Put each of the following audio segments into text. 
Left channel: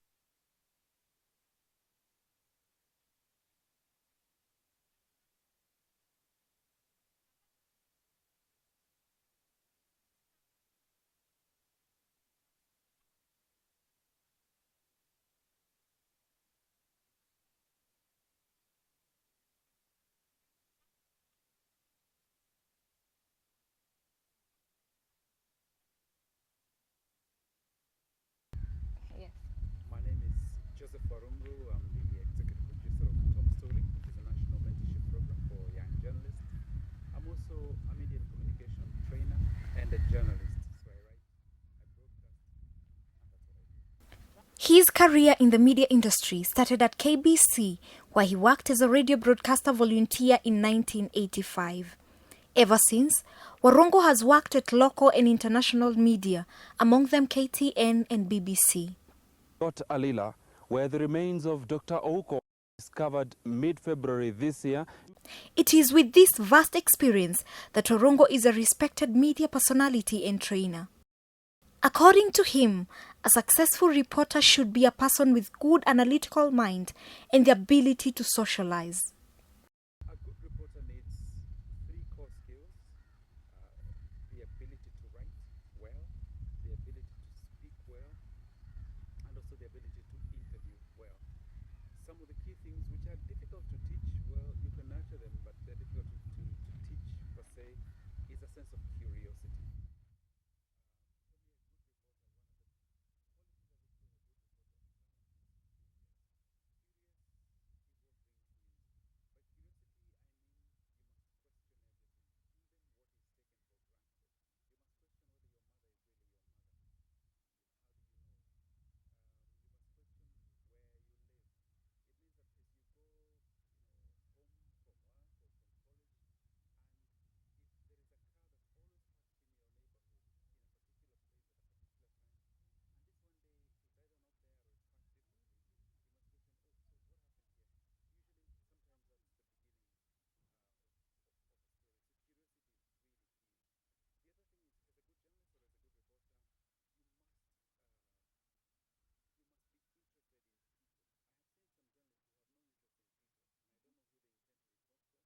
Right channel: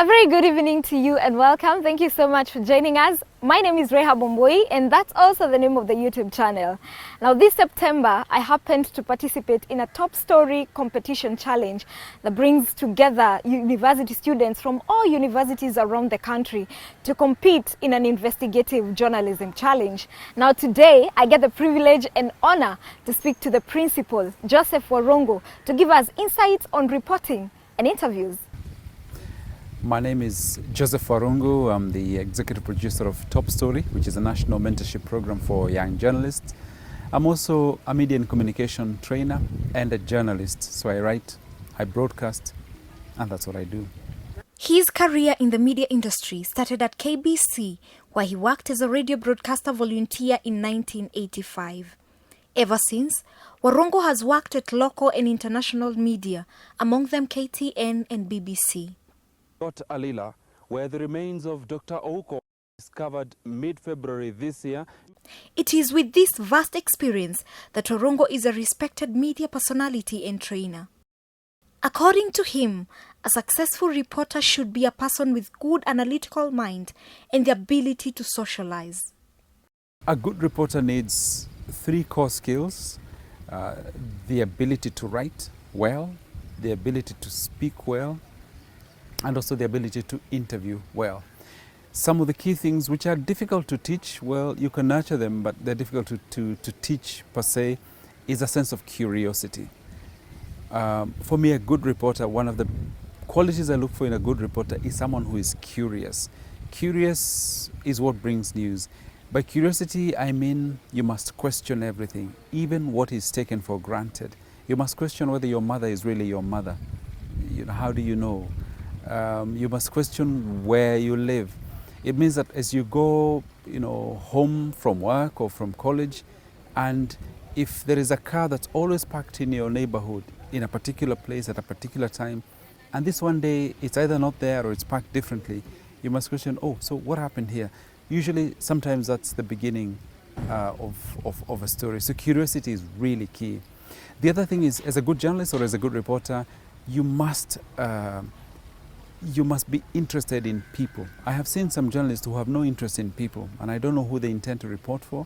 A very good evening to you and welcome. Thank you so much for joining us. My name is Reha Bomboi and that's also the name of the YouTube channel. Now this September, I happened to participate in a top story competition challenge that brings together university students from all universities around the country to compete in an investigative journalism challenge. Now today, I get the privilege and honor to speak to the principal, Joseph Warungu, to give us insights on reporting and interviews. My name is Joseph Warungu. I'm the executive producer of Top Story, which is a national mentorship program for young journalists. I'm also a media and communication trainer and a journalist. So I write, I broadcast, and that's what I do. His career in the media industry started at KBC, where he worked as a radio broadcaster volunteer in 1985. Ever since, Warungu has worked at local and international media, among them KTN and BBC. Alila, where the remains of Dr. Ouko were discovered mid-February this year. It is with this vast experience that Warungu is a respected media personality and trainer. According to him, a successful reporter should be a person with good analytical mind and the ability to socialize. A good reporter needs 3 core skills: the ability to write well, the ability to speak well, and also the ability to interview well. Some of the key things which are difficult to teach, well, you can nurture them, but they're difficult to teach per se, is a sense of curiosity. For me, a good reporter, one of the qualities I look for in a good reporter is someone who is curious. Curious is what brings news. By curiosity, I mean you must question everything, even what is taken for granted. You must question whether your mother is really your mother. You know, how do you know? You must question where you live. It means that as you go, home from work or from college, and if there is a car that's always parked in your neighborhood in a particular place at a particular time, and this one day it's either not there or it's parked differently, you must question, oh, so what happened here? Usually, sometimes that's the beginning of a story. So curiosity is really key. The other thing is, as a good journalist or as a good reporter, you must be interested in people. I have seen some journalists who have no interest in people, and I don't know who they intend to report for,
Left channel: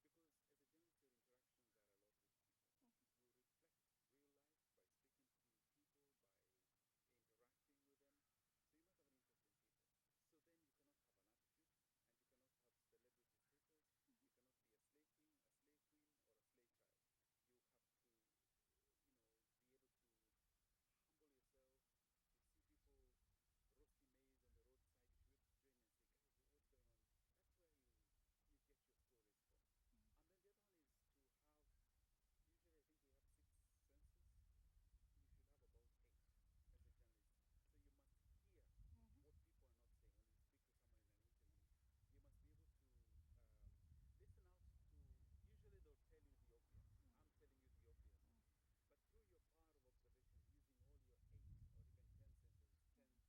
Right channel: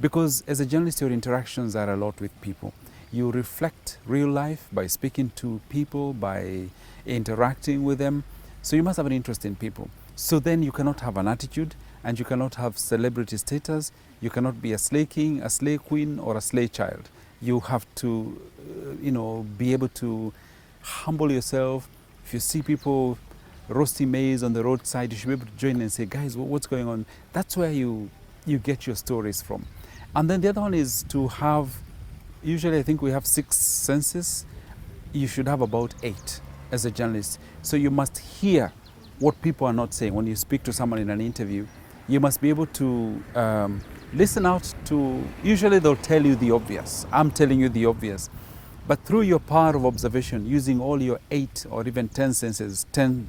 because as a journalist, your interactions are a lot with people. You reflect real life by speaking to people, by interacting with them. So you must have an interest in people. So then you cannot have an attitude, and you cannot have celebrity status. You cannot be a slay king, a slay queen, or a slay child. You have to, be able to humble yourself. If you see people roasting maize on the roadside, you should be able to join and say, guys, what's going on? That's where you get your stories from. And then the other one is to have, usually I think we have 6 senses. You should have about 8 as a journalist. So you must hear what people are not saying. When you speak to someone in an interview, you must be able to listen out to, usually they'll tell you the obvious. I'm telling you the obvious. But through your power of observation, using all your 8 or even 10 senses, 10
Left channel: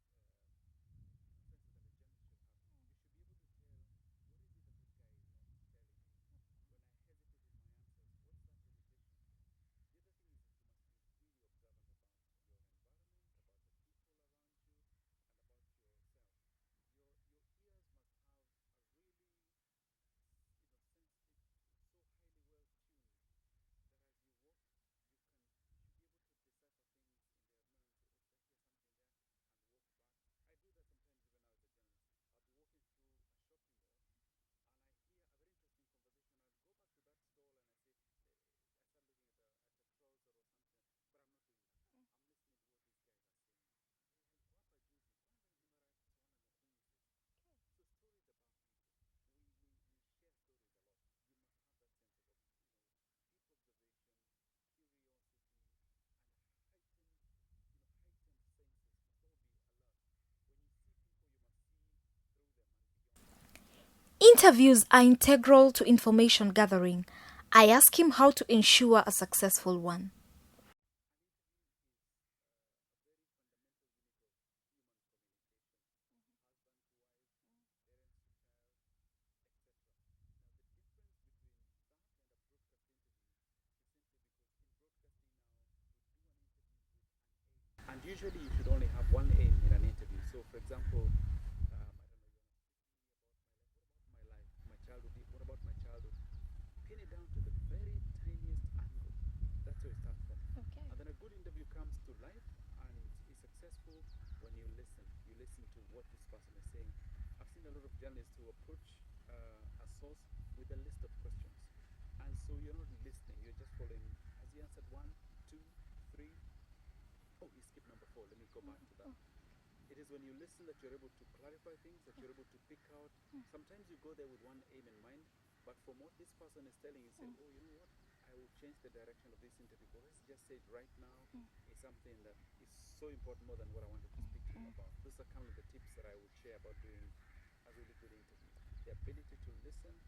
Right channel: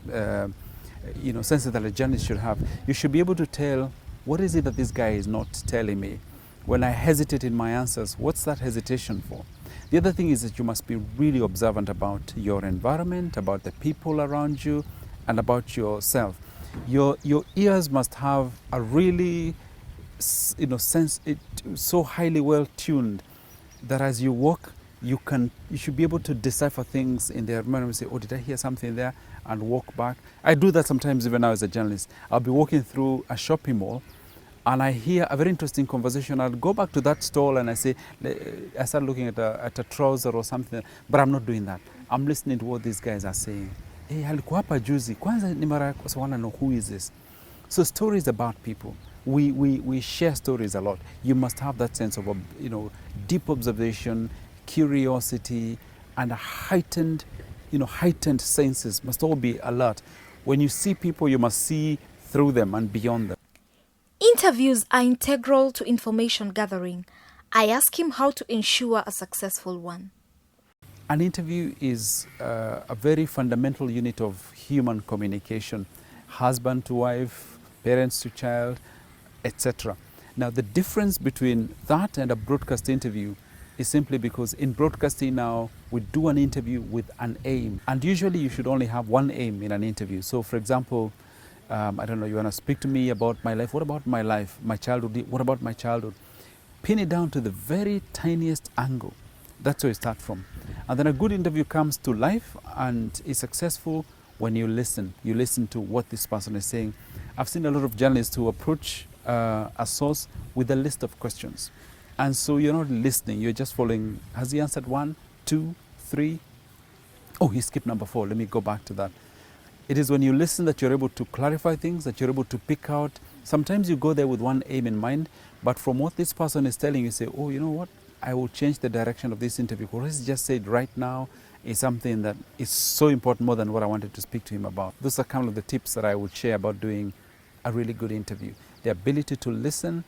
senses that a journalist should have, you should be able to tell, what is it that this guy is not telling me? When I hesitate in my answers, what's that hesitation for? The other thing is that you must be really observant about your environment, about the people around you, and about yourself. Your ears must have a really, sense, so highly well tuned that as you walk, you should be able to decipher things in their environment and say, oh, did I hear something there? And walk back. I do that sometimes even now as a journalist. I'll be walking through a shopping mall and I hear a very interesting conversation. I'll go back to that stall and I start looking at a trouser or something, but I'm not doing that. I'm listening to what these guys are saying. Hey, alikuwa hapa juzi. Kwanza ni mara so I want to know who is this. So stories about people. We share stories a lot. You must have that sense of, deep observation, curiosity, and a heightened senses must all be alert. When you see people, you must see through them and beyond them. Interviews are integral to information gathering. I ask him how to ensure a successful one. An interview is a very fundamental unit of human communication, husband to wife, parents to child, etc. Now, the difference between that and a broadcast interview is simply because in broadcasting now, we do an interview with an aim. And usually you should only have one aim in an interview. So for example, I don't know, you want to speak to me about my life. What about my life? My childhood? What about my childhood? Pin it down to the very tiniest angle. That's where you start from. And then a good interview comes to life and is successful when you listen. You listen to what this person is saying. I've seen a lot of journalists who approach a source with a list of questions. And so you're not listening, you're just following. Has he answered 1, 2, 3? Oh, he skipped number 4. Let me go back to that. It is when you listen that you're able to clarify things, that you're able to pick out. Sometimes you go there with one aim in mind, but from what this person is telling you, say, oh, you know what? I will change the direction of this interview. What he just said right now is something that is so important, more than what I wanted to speak to him about. Those are kind of the tips that I would share about doing a really good interview. The ability to listen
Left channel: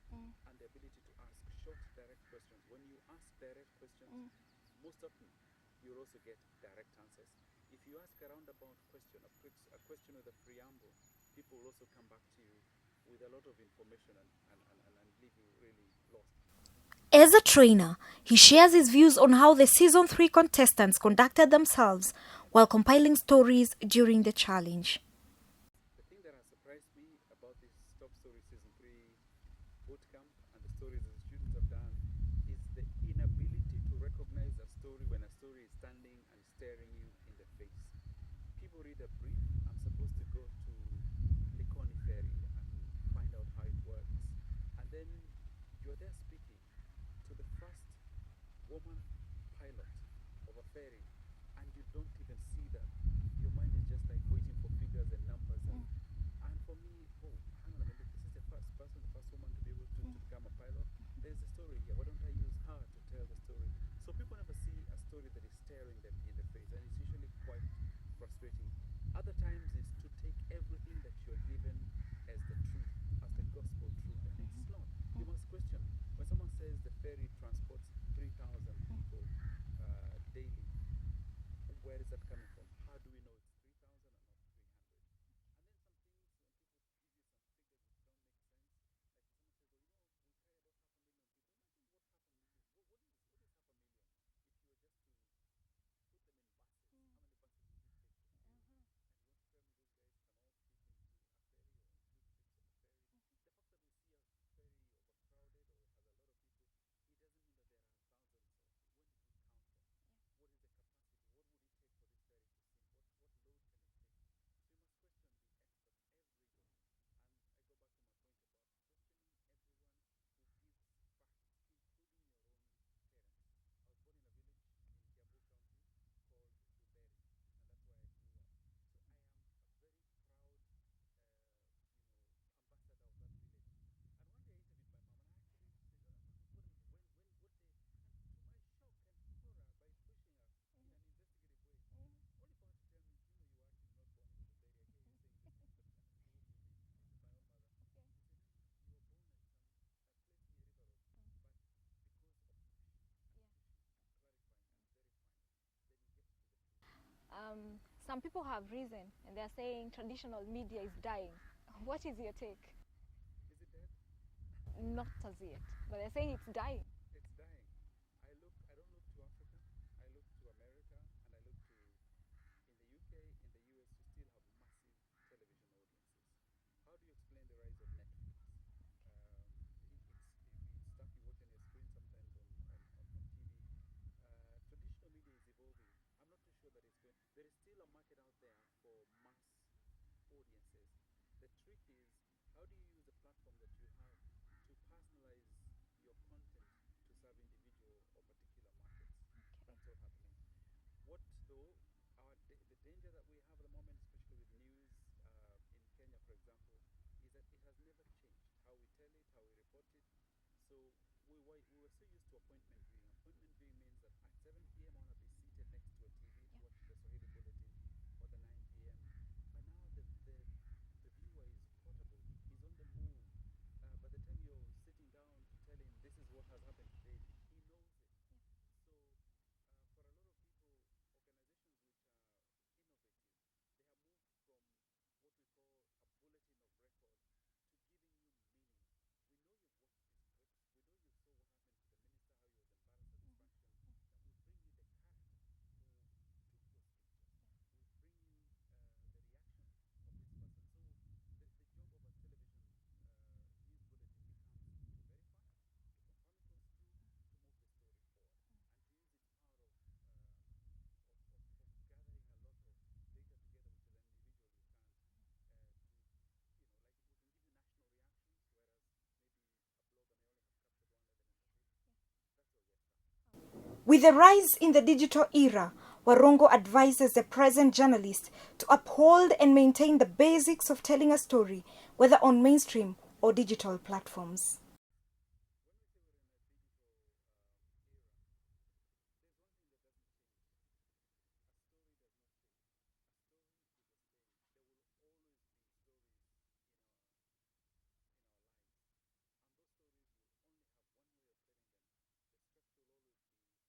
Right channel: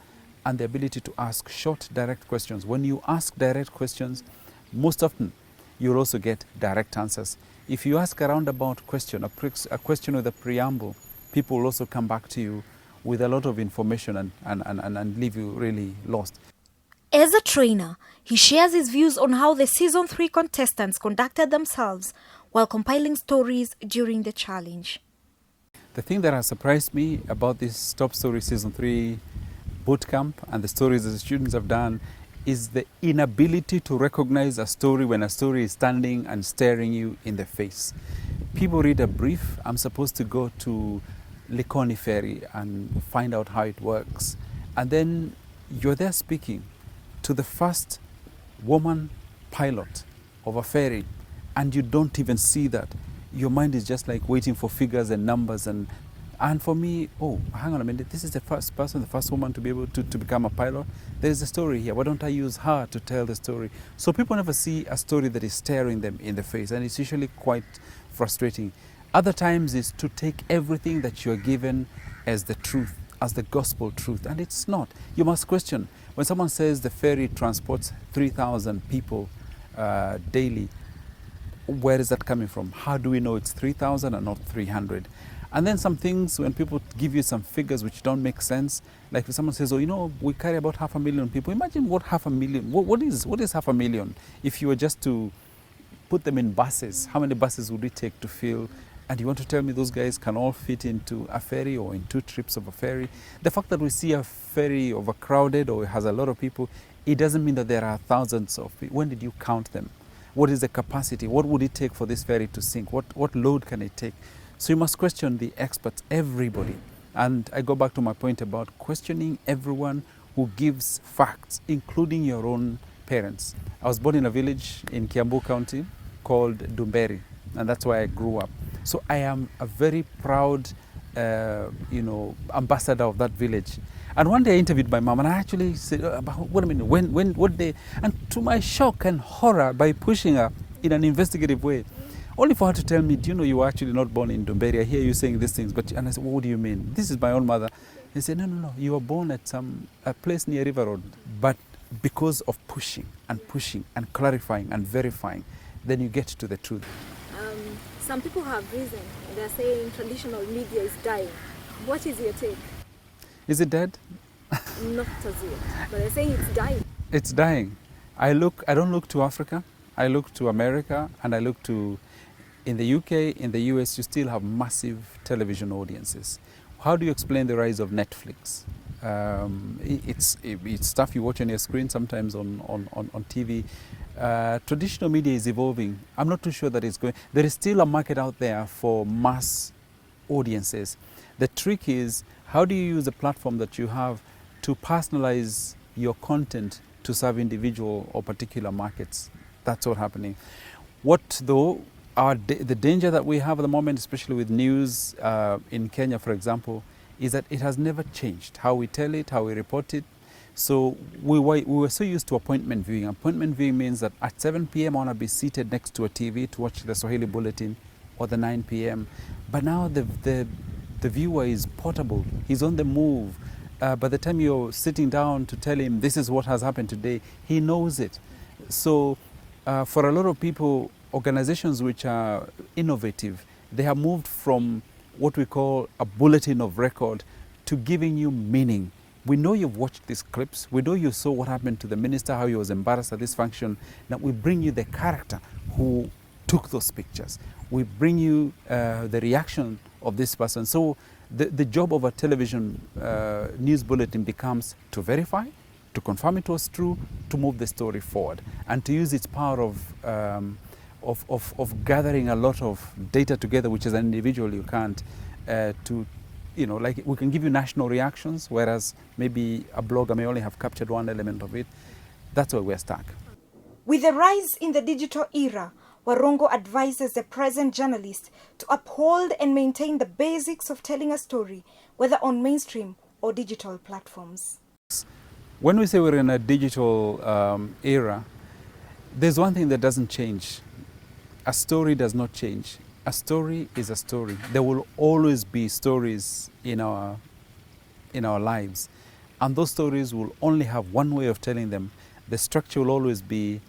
and the ability to ask short, direct questions. When you ask direct questions, most often you'll also get direct answers. If you ask a roundabout question, a question with a preamble, people will also come back to you with a lot of information and leave you really lost. As a trainer, he shares his views on how the Season 3 contestants conducted themselves while compiling stories during the challenge. The thing that has surprised me about this Top Story Season 3 bootcamp and the stories that the students have done is the inability to recognize a story when a story is standing and staring you in the face. People read a brief. I'm supposed to go to Likoni Ferry and find out how it works. And then you're there speaking to the first woman pilot of a ferry, and you don't even see that. Your mind is just like waiting for figures and numbers. And for me, oh, hang on a minute, this is the first person, the first woman to be able to become a pilot. There is a story here. Why don't I use her to tell the story? So people never see a story that is staring them in the face, and it's usually quite frustrating. Other times is to take everything that you're given as the truth, as the gospel truth, and it's not. You must question. When someone says the ferry transports 3,000 people daily, where is that coming from? How do we know it's 3,000 and not 300? And then some things, when people give you some figures which don't make sense, like if someone says, oh, you know, we carry about 500,000 people. Imagine what 500,000, what is 500,000? If you were just to put them in buses, how many buses would it take to fill? And you want to tell me those guys can all fit into a ferry or in 2 trips of a ferry? The fact that we see a ferry overcrowded or has a lot of people, it doesn't mean that there are thousands of people. When did you count them? What is the capacity? What would it take for this ferry to sink? What load can it take? So you must question the experts, everybody. And I go back to my point about questioning everyone who gives facts, including your own parents. I was born in a village in Kiambu County called Dumberi, and that's where I grew up. So I am a very proud, ambassador of that village. And one day I interviewed my mom, and I actually said, wait a minute, what day? And to my shock and horror, by pushing her in an investigative way, only for her to tell me, do you know you were actually not born in Dumberi? I hear you saying these things. And I said, what do you mean? This is my own mother. He said, no, you were born at a place near River Road. But because of pushing and clarifying and verifying, then you get to the truth. Some people have risen. They're saying traditional media is dying. What is your take? Is it dead? Not as yet, but they're saying it's dying. It's dying. I don't look to Africa. I look to America, and I look to, in the UK, in the US, you still have massive television audiences. How do you explain the rise of Netflix? It's stuff you watch on your screen, sometimes on TV. Traditional media is evolving. I'm not too sure that it's going. There is still a market out there for mass audiences. The trick is, how do you use the platform that you have to personalize your content to serve individual or particular markets? That's what's happening. What though, the danger that we have at the moment, especially with news in Kenya, for example, is that it has never changed. How we tell it, how we report it. So we were so used to appointment viewing. Appointment viewing means that at 7 p.m. I want to be seated next to a TV to watch the Swahili Bulletin or the 9 p.m. But now the viewer is portable. He's on the move. By the time you're sitting down to tell him this is what has happened today, he knows it. So for a lot of people, organizations which are innovative, they have moved from what we call a bulletin of record to giving you meaning. We know you've watched these clips. We know you saw what happened to the minister, how he was embarrassed at this function. Now we bring you the character who took those pictures. We bring you the reaction of this person. So the job of a television news bulletin becomes to verify, to confirm it was true, to move the story forward, and to use its power of gathering a lot of data together, which as an individual you can't, to, you know, like we can give you national reactions, whereas maybe a blogger may only have captured one element of it. That's where we're stuck. With the rise in the digital era, Warungu advises the present journalist to uphold and maintain the basics of telling a story, whether on mainstream or digital platforms. When we say we're in a digital era, there's one thing that doesn't change. A story does not change. A story is a story. There will always be stories in our lives, and those stories will only have one way of telling them. The structure will always be,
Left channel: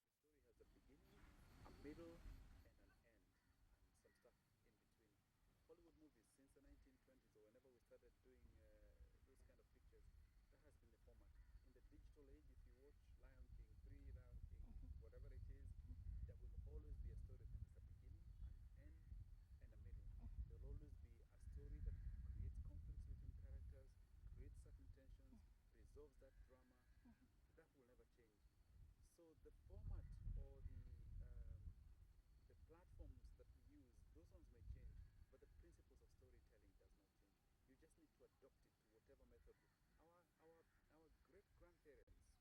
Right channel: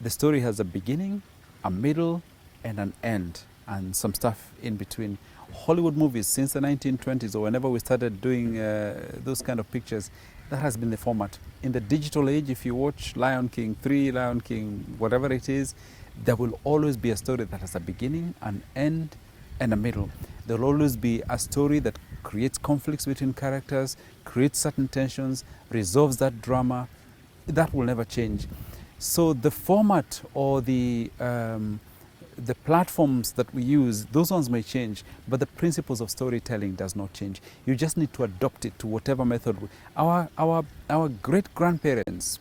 the story has a beginning, a middle, and an end, and some stuff in between. Hollywood movies since the 1920s, or whenever we started doing those kind of pictures, that has been the format. In the digital age, if you watch Lion King 3, Lion King, whatever it is, there will always be a story that has a beginning, an end, and a middle. There will always be a story that creates conflicts between characters, creates certain tensions, resolves that drama. That will never change. So the format or the platforms that we use, those ones may change, but the principles of storytelling does not change. You just need to adopt it to whatever method. Our great-grandparents,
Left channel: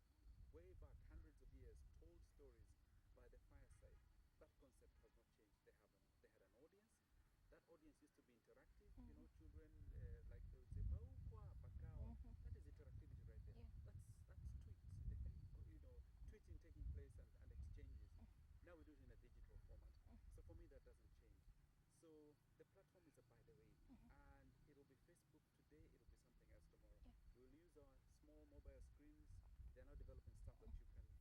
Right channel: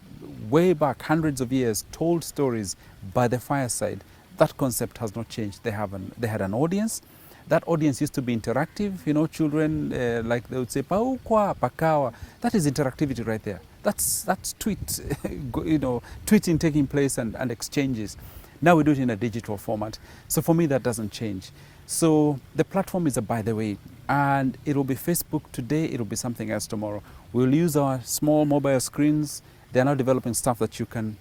way back hundreds of years, told stories by the fireside. That concept has not changed. They had an audience. That audience used to be interactive. You know, children, like they would say, "Paukwa, pakawa." That is interactivity right there. That's tweet, you know, tweeting taking place and exchanges. Now we do it in a digital format. So for me, that doesn't change. So the platform is a by the way, and it will be Facebook today. It will be something else tomorrow. We'll use our small mobile screens. They're now developing stuff that you can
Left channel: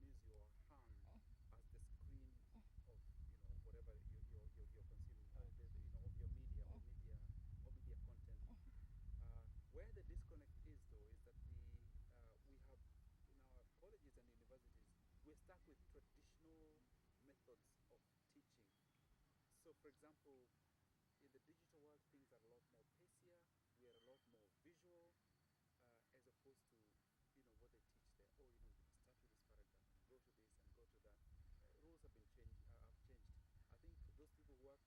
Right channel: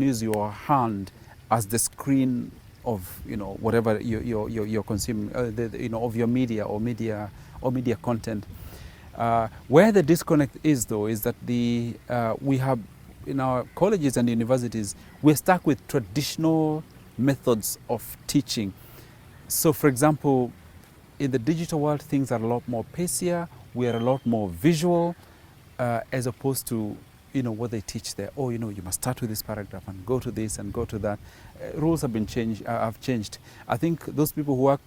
use your hand as the screen of, you know, whatever you're consuming, you know, of your media or media content. Where the disconnect is, though, is that we have in our colleges and universities, we're stuck with traditional methods of teaching. So, for example, in the digital world, things are a lot more pacier. We are a lot more visual, as opposed to, you know, what they teach there. Oh, you know, you must start with this paragraph and go to this and go to that. Rules have been changed. Have changed. I think those people who work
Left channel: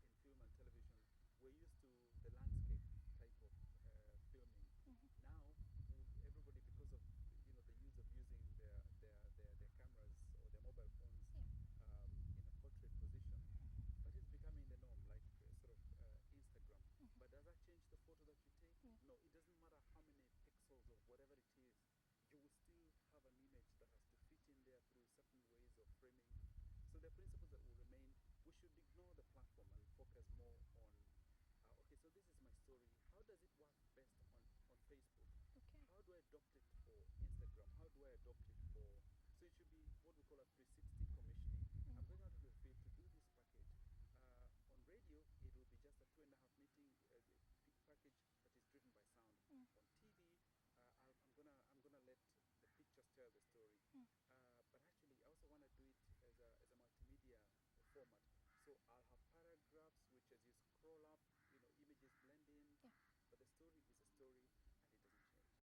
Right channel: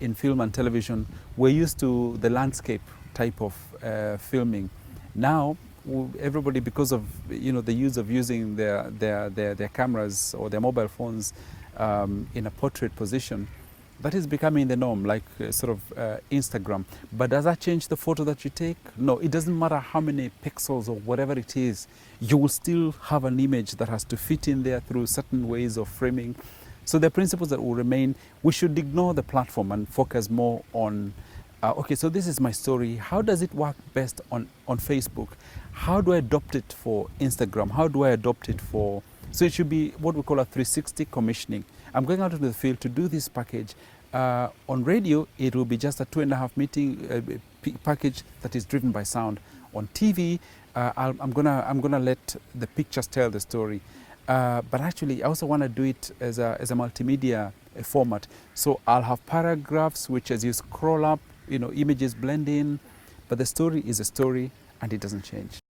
in film and television were used to the landscape type of filming. Now, everybody, because of, you know, the use of using their cameras or their mobile phones in a portrait position, that is becoming the norm, like Instagram. But does that change the photo that you take? No, it doesn't matter how many pixels or whatever it is. You will still have an image that has to fit in there through certain ways of framing. So the principles that will remain, we should ignore the platform and focus more on, okay, so this is my story. How does it work best on Facebook? How do I adopt it for Instagram? How do I adopt it for... So it should be what we call a 360 commissioning. I'm going out into the field to do this package. On radio, it will be just a 2.5 package that is driven by sound. On TV, I'm gonna let the pictures tell the story. But actually, I also want to do it as a multimedia format. So I'll have paragraphs which, as you scroll up, you know, images blend in, but the story is a story and it doesn't change.